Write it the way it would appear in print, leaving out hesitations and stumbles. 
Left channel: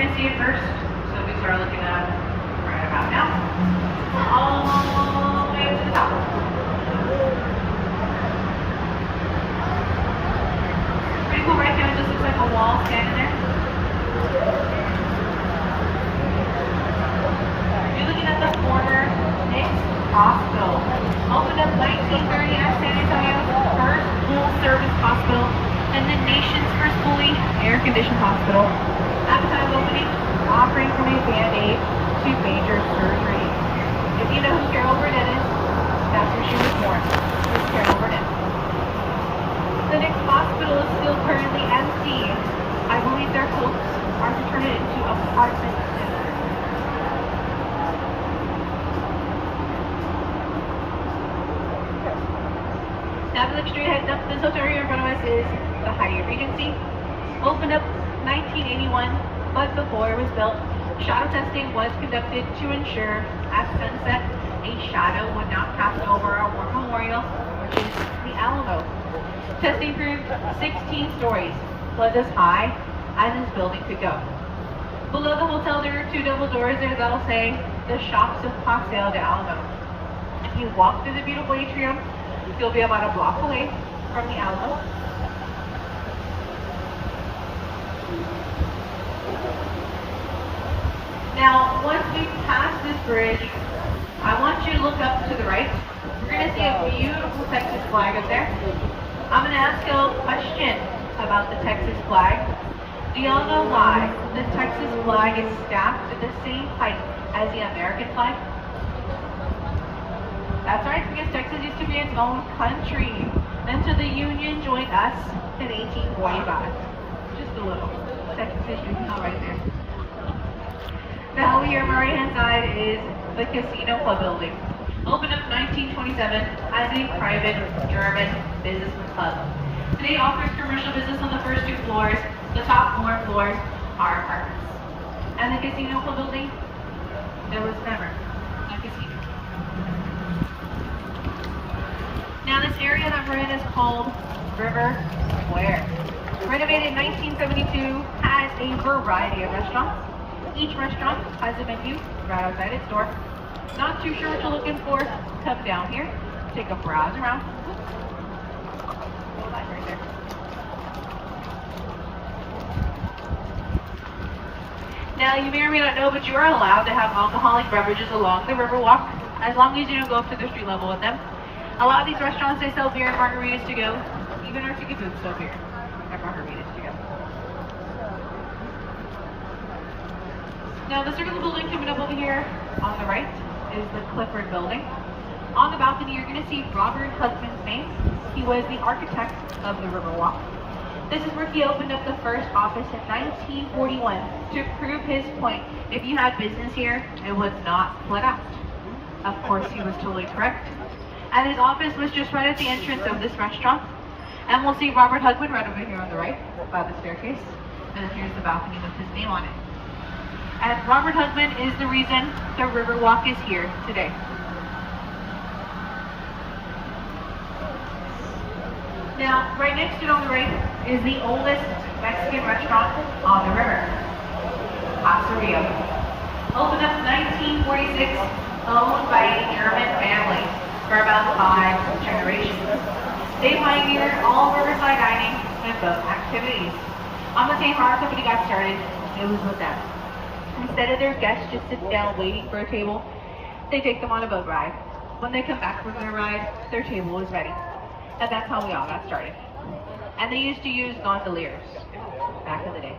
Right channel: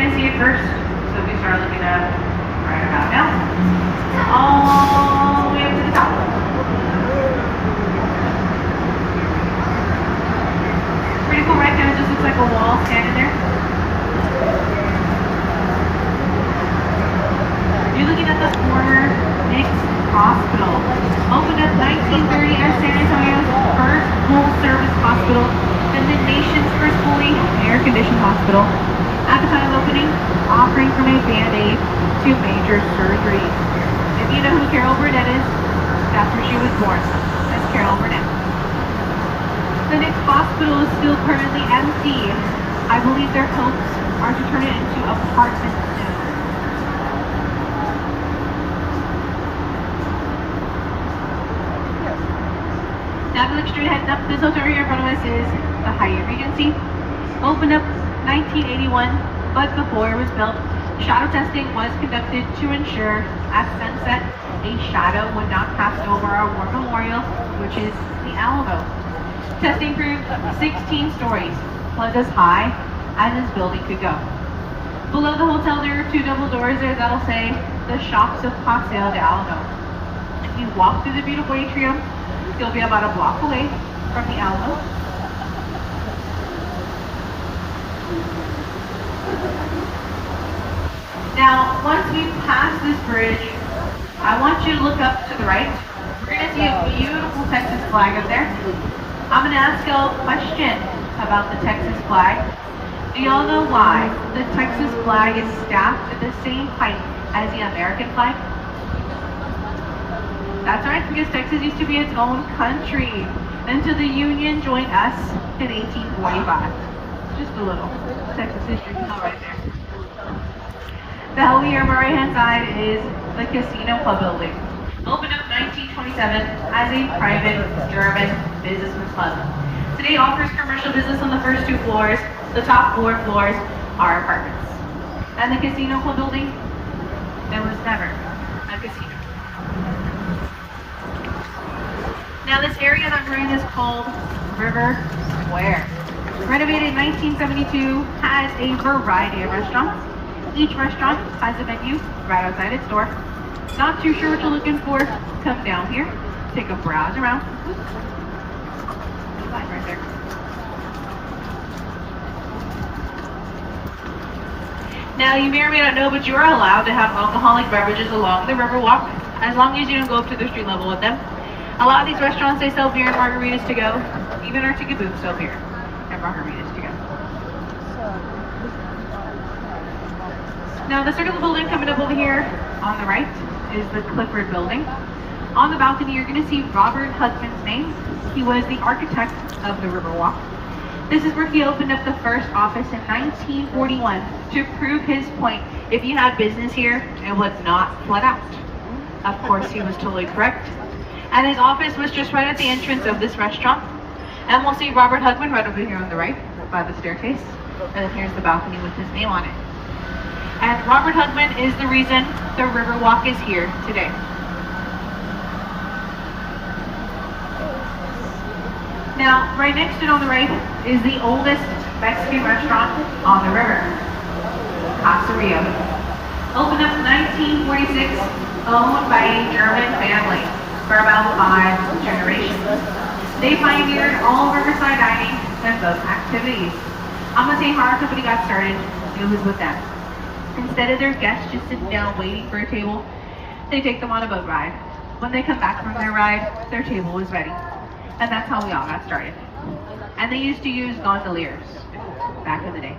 gonna see it first. So if we start looking up right about now, all the way up to the top. Pretty cool, right? Kind of just looks like a wall standing there. You're looking at the former mixed hospital. Opened up 1930 as San Antonio's first full-service hospital and the nation's first fully air-conditioned hospital. At the time of opening, offering from a Band-Aid to major surgery. If you know who Carol Burnett is, that's where she was born. It's Carol Burnett. The next hospital is still currently empty. I believe their hopes are to turn it into apartments soon. Down the street heading up, this hotel here in front of us is the Hyatt Regency. Opened up 1981, but before it was built, shadow testing was conducted to ensure at sunset a shadow would not pass over our war memorial, which is the Alamo. Testing proved 16 stories, was as high as this building could go. Below the hotel there are two double doors there that'll say the Shops of Paseo de Alamo. If you walk through the beautiful atrium, you'll be about a block away from the Alamo. Now, once we pass this bridge, I want you to look up to the right. We're going to see a beautiful Texas flag up there. I'm going to ask y'all a question about the Texas flag. Do y'all know why the Texas flag is stacked at the same height as the American flag? That's right, because Texas used to be its own country until the Union joined us in 1845. Just a little Texas history right there. Now here on my right hand side is the Casino Club building. Opened up 1927 as a private German businessman's club. Today offers commercial business on the first two floors. The top 4 floors are apartments. And the Casino Club building, there was never a casino. Now this area that we're in is called River Square. Renovated in 1972, has a variety of restaurants. Each restaurant has a menu right outside its door. Not too sure what you're looking for, come down here, take a browse around. Like right there. Now you may or may not know, but you are allowed to have alcoholic beverages along the Riverwalk, as long as you don't go up to the street level with them. A lot of these restaurants, they sell beer and margaritas to go. Even our ticket booths sell beer and margaritas to go. Now the circle building coming up over here on the right is the Clifford building. On the balcony you're going to see Robert Hudman's name. He was the architect of the Riverwalk. This is where he opened up the first office in 1941 to prove his point. If you have business here, it would not flood out. Of course he was totally correct. And his office was just right at the entrance of this restaurant. And we'll see Robert Hudman right over here on the right by the staircase. And then here's the balcony with his name on it. And Robert Hudman is the reason the Riverwalk is here today. Now, right next to it on the right is the oldest Mexican restaurant on the river, Casa Rio. Opened up in 1946, owned by a German family for about 5 generations. They pioneered all riverside dining and boat activities. I'm gonna tell you how our company got started. It was with them. Instead of their guests just sitting down waiting for a table, they take them on a boat ride. When they come back from their ride, their table was ready. And that's how we all got started. And they used to use gondoliers back in the day.